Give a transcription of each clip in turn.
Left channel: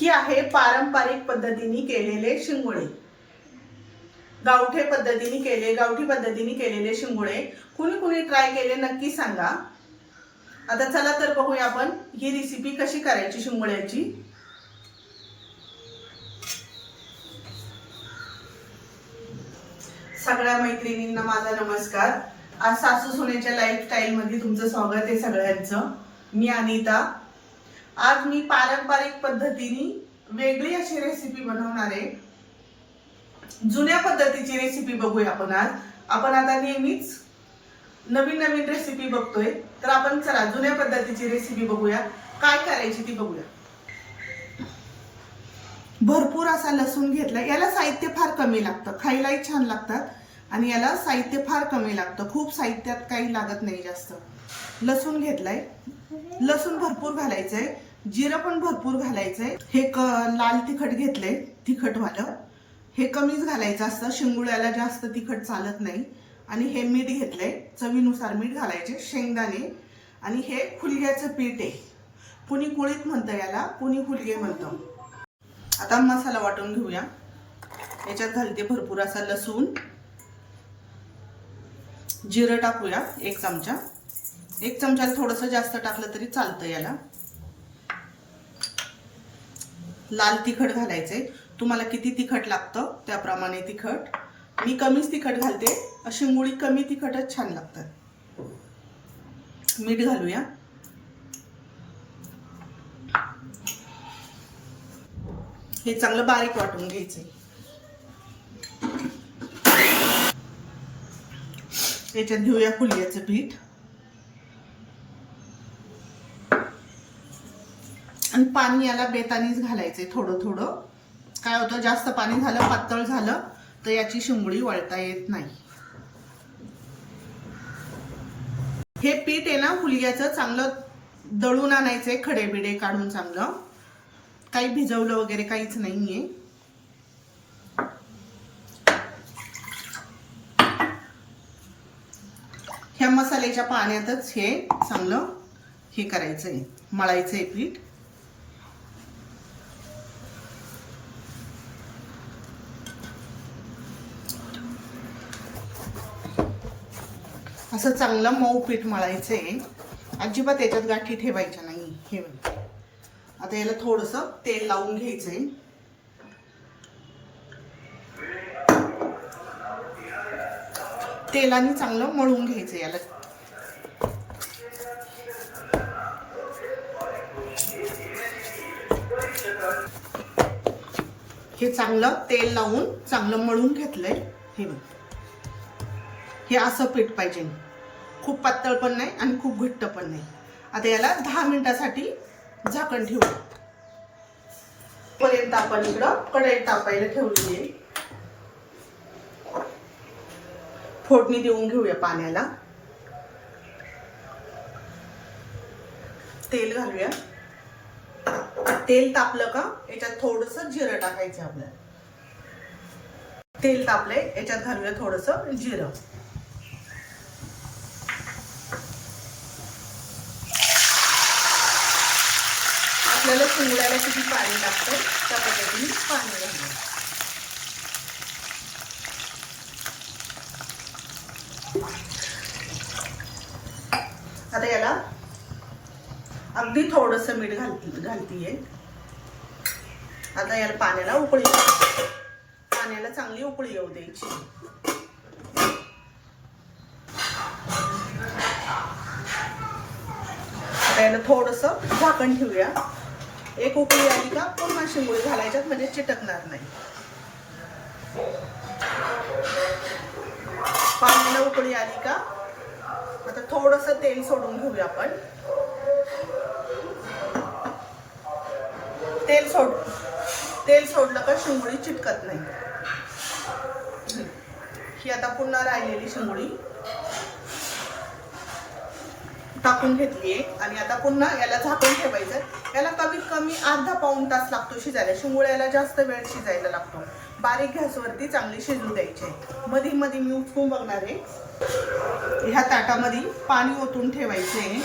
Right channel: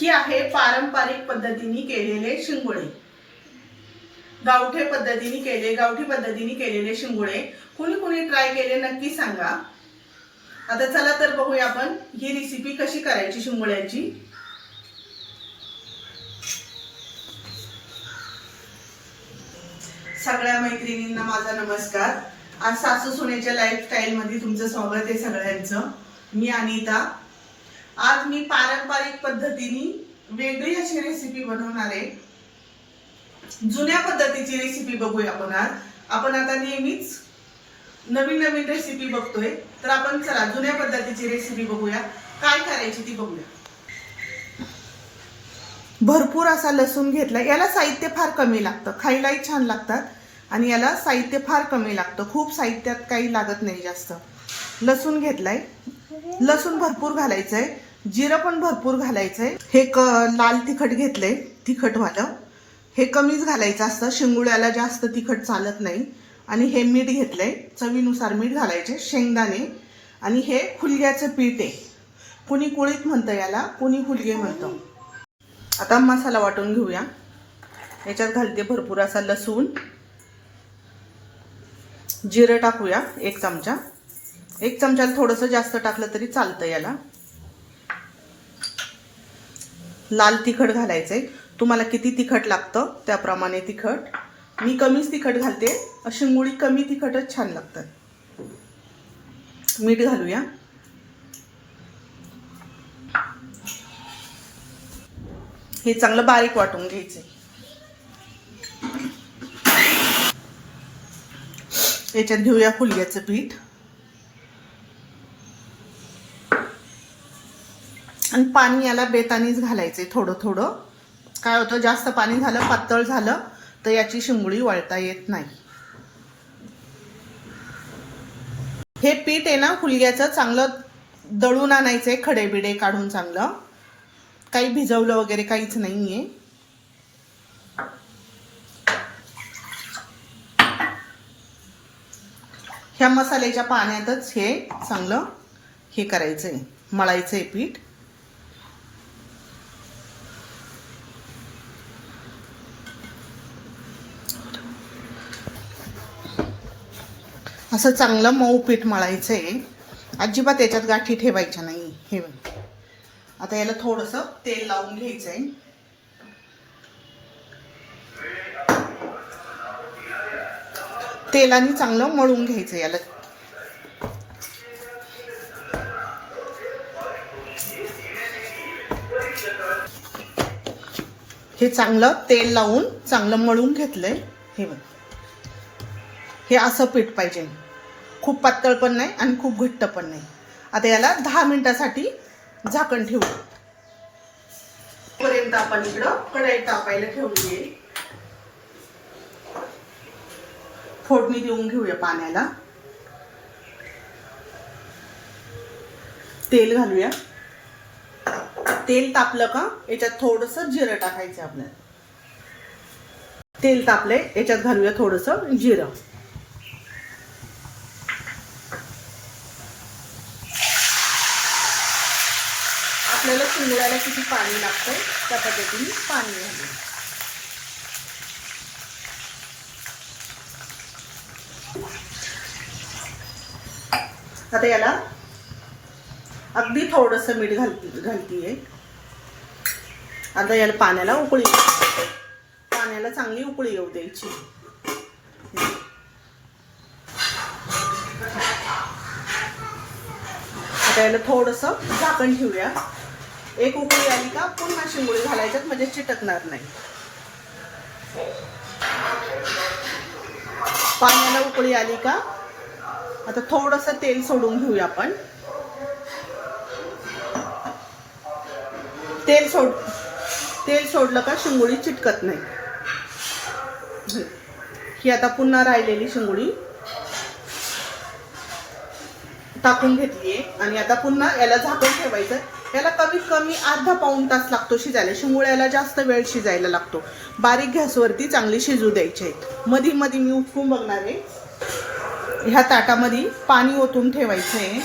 ही आहे पारंपरिक पद्धतीने केलेले शिंगोळे। गावठी पद्धतीने केलेले शिंगोळे कुणी कुणी ट्राय केले नक्की सांगा। आता चला तर बघूया आपण ही रेसिपी कशी करायची शिंगोळ्याची। सगळ्या मैत्रिणींना माझा नमस्कार। आज सासू सुनेच्या लाईफस्टाईल मध्ये तुमचं स्वागत आहे सगळ्यांचं। मी अनिता। आज मी पारंपरिक पद्धतीने वेगळी अशी रेसिपी बनवणार आहे। जुन्या पद्धतीची रेसिपी बघूया आपण आता नेहमीच नवीन नवीन रेसिपी बघतोय, तर आपण चला जुन्या पद्धतीची रेसिपी बघूया। काय करायची ती बघूया। भरपूर असा लसूण घेतला। याला साहित्य फार कमी लागतं, खायलाही छान लागतात आणि याला साहित्य फार कमी लागतं। खूप साहित्यात काही लागत नाही जास्त। लसूण घेतलाय, लसूण भरपूर घालायचंय, जिरं पण भरपूर घालायचंय। हे लाल तिखट घेतलंय, तिखटवालं हे कमीच घालायचं असतं, शिंगोळ्याला जास्त तिखट चालत नाही। आणि हे मीठ घेतलंय, चवीनुसार मीठ घालायचे, शेंगदाणे आणि हे फुलग्याचं पीठ आहे। कुणी कुळीत म्हणतं याला, कुणी फुलगे म्हणतं। आता मसाला वाटून घेऊया। याच्यात घालते भरपूर असा लसूण, जिरं टाकूया 1 चमचा। 1 चमचाला थोडंसं जास्त टाकलं तरी चालतं याला। लाल तिखट घालायचंय, तुम्हाला किती तिखट लागतं त्याप्रमाणे तिखट। मी कमीच तिखट घालते, शिंगोळी कमी तिखटच छान लागतात। मीठ घालूया। हे चांगलं बारीक वाटून घ्यायचंय। याच्यात घेऊया फुलग्याचं पीठ आणि पाणी याला बेतानीच घालायचंय थोडं थोडं। काय होतं, जास्त पाणी झालं, पातळ झालं तर याची शिंगोळी वळता येत नाही। हे पीठ आहे ना फुलग्याचं, चांगलं दळून आणायचंय, खडे बिडे काढून चांगलं। काही भिजवलं वगैरे काहीच नाहीये। ह्या मसाल्याच्या पाण्यातच हे चांगलं हे करायचंय, मळायचंय पीठ। असं चांगलं मऊ पीठ मळायचंय, अजिबात याच्यात गाठी ठेवायच्या नाही। हे आता याला थोडंसं तेल लावून घ्यायचंय। तेलाने चांगलं मळून घ्यायचं याला। हे चांगलं तेल लावून चांगलं मळून घेतलंय। हे असं पीठ पाहिजे, खूप पातळ पण नाही आणि खूप घट्ट पण नाही। आता याला 10 मिनिटासाठी झाकण ठेवू। पर्यंत आपण इकडं कढई तापायला ठेवली आहे। फोडणी देऊन घेऊया पाण्याला। तेल घालूया। तेल तापलं का याच्यात थोडंसं जिरं टाकायचं आपल्याला। तेल तापलंय, याच्यात घालूया थोडंसं जिरं। आपल्याला शिंगोळ्याला किती पाणी लागतंय त्या पद्धतीने पाणी घालूया। आता याला अगदी थोडंसं मीठ घालतीये। आता याला पाण्याला चांगली उकळी येऊ द्यायची। आता याला थोडंसं झाकण ठेवूया। एक उकळी आली का पुन्हा शिंगोळी घालायच्यात, म्हणजे चिटकणार नाही। पाण्याला उकळी आली का आता थोडंसं तेल सोडून घेऊया आपण। तेल सोडलं का शिंगोळी चिटकत नाही। ही आता पुन्हा राहिलेली शिंगोळी टाकून घेतली आणि आता पुन्हा याला झाकण ठेवायचं। याला कमीत कमी अर्धा पाऊण तास लागतो शिजायला। शिंगोळ्याला जास्त वेळ शिजायला लागतो। बारीक गॅसवरती चांगली शिजू द्यायचे। मधी मधी मी उठून बघणार आहे। ह्या ताटामध्ये पाणी ओतून ठेवायचंय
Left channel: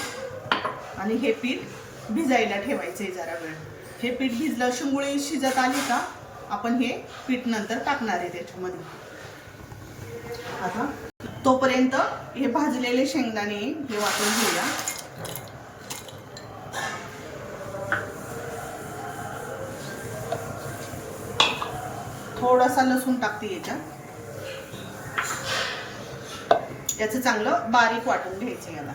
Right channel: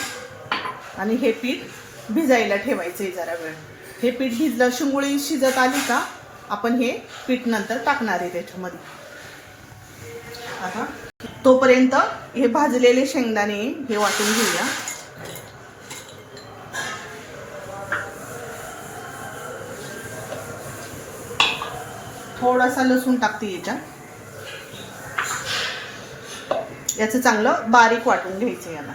आणि हे पीठ भिजायला ठेवायचंय जरा वेळ। हे पीठ भिजलं, शिंगोळी शिजत आली का आपण हे पीठ नंतर टाकणार आहे त्याच्यामध्ये. आता तोपर्यंत हे भाजलेले शेंगदाणे हे वाटून घेऊया. थोडासा लसूण टाकते याच्यात. याचं चांगलं बारीक वाटून घ्यायचं याला.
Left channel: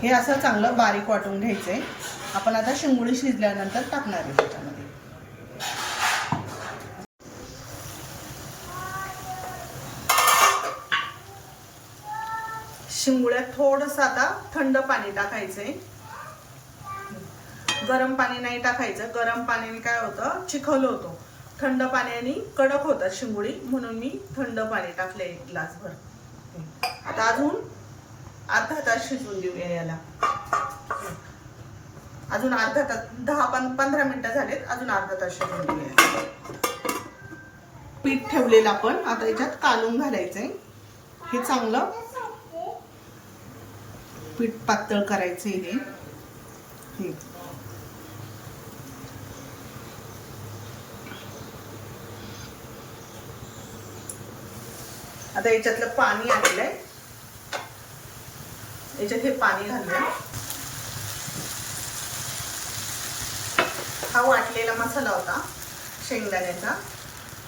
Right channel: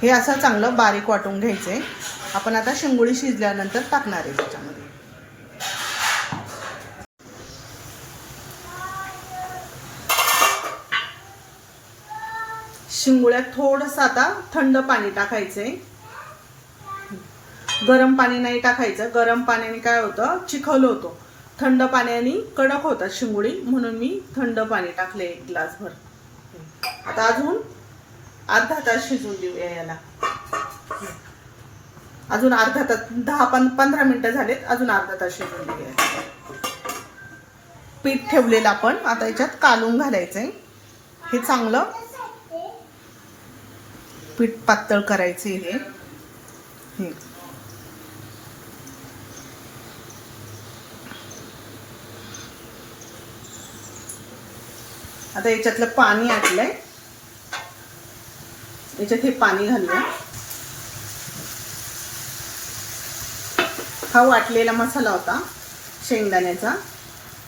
हे असं चांगलं बारीक वाटून घ्यायचंय. आपण आता शिंगोळी शिजल्यानंतर टाकणार आहे त्याच्यामध्ये. शिंगोळ्यात थोडंसं आता थंड पाणी टाकायचंय. गरम पाणी नाही टाकायचं. गरम पाण्याने काय होतं, चिखल होतो. थंड पाण्याने कडक होतात शिंगोळी, म्हणून मी थंड पाणी टाकले एक ग्लासभर. आता अजून अर्धा तास शिजून देऊया याला. अजून अर्धा तास, 10-15 मिनिटं झालेत, अजून अर्धा तास शिजून देऊया. पीठ ठेवलेलं आपण आता याच्यात कालून घालायचंय. हे चांगलं पीठ पातळ करायचे. हे आता याच्यातलं पाणी आटलंय, याच्यात हे पाणी घालूया. हा वाटलेला मसाला होता शेंगदाण्याचा,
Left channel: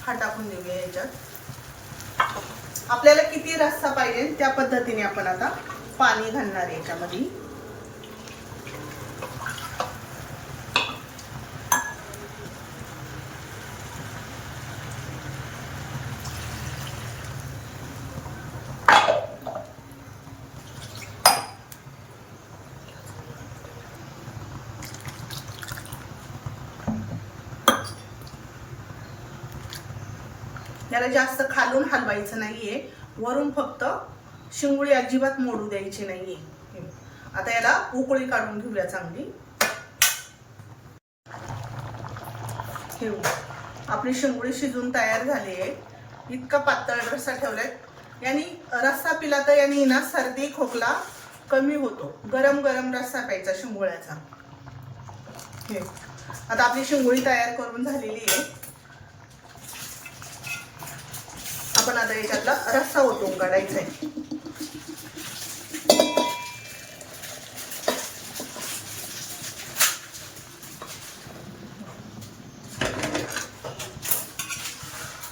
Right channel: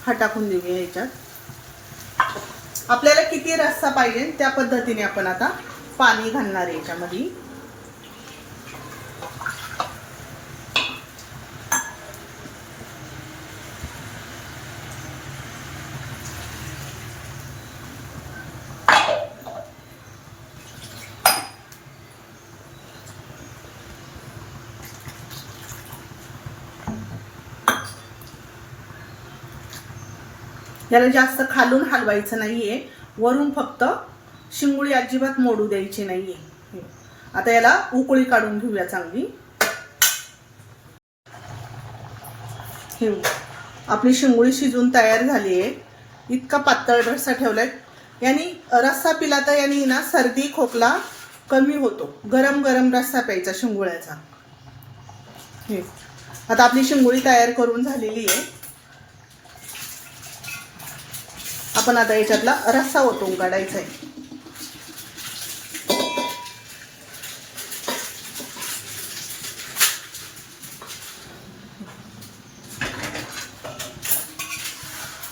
हा टाकून देऊया याच्यात. आपल्याला किती रस्सा पाहिजे त्या पद्धतीने आपण आता पाणी घालणार आहे याच्यामध्ये. याला जास्त खालून हलवायचं नाहीये, वरून फक्त शिंगोळी अजिबात मोडू द्यायची नाहीये. आता याला उकळी काढून घेऊया चांगली. आपली शिंगोळी शिजून तयार झाली आहे. इतका पातळ रस्सा ठेवलाय, यानी रस्सा पिला तर यानी ना सर्दी खोकला कमी होतो. गरम गरम रस्सा प्यायचा शिंगोळ्याचा. आता आपली शिंगोळी तयार करून झालेली आहे. आपण आता याच्यातला रस्सा ओतून काढायचा आहे.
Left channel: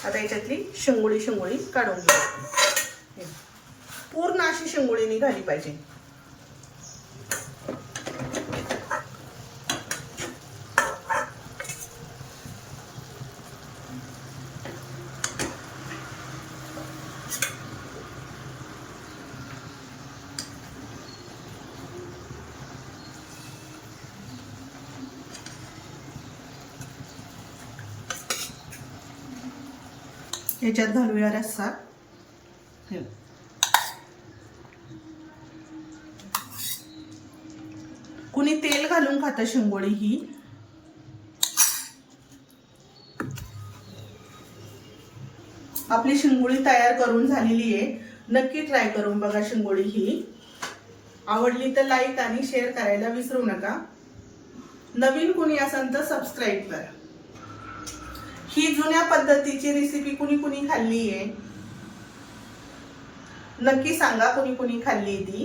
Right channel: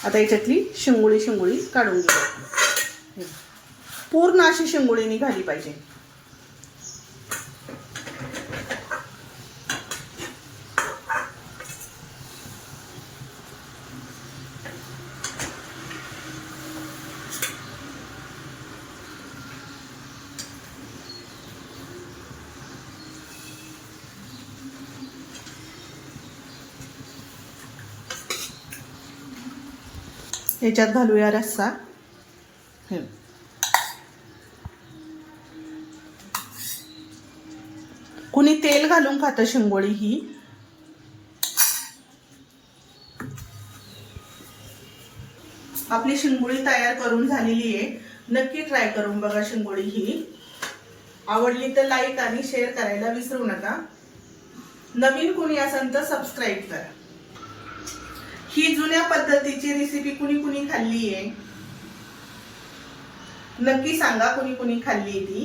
आता याच्यातली शिंगोळी काढून घेऊ. पूर्ण अशी शिंगोळी निघाली पाहिजे. याच्यात घालूया रस्सा. कुणी तेल घालून खातं शिंगोळी ही. आपली शिंगोळी तयार करून झालेली आहे. नक्की ट्राय करून बघा शिंगोळी ही. आवडली तर लाईक आणि शेअर करायला विसरू नका. नवीन कुणी असेल तर सबस्क्राईब करा. ही जुन्या पद्धतीची रेसिपी कुणी कुणी खाल्ली आहे नक्की सांगा. कुणी कुणी खाल्ली ती.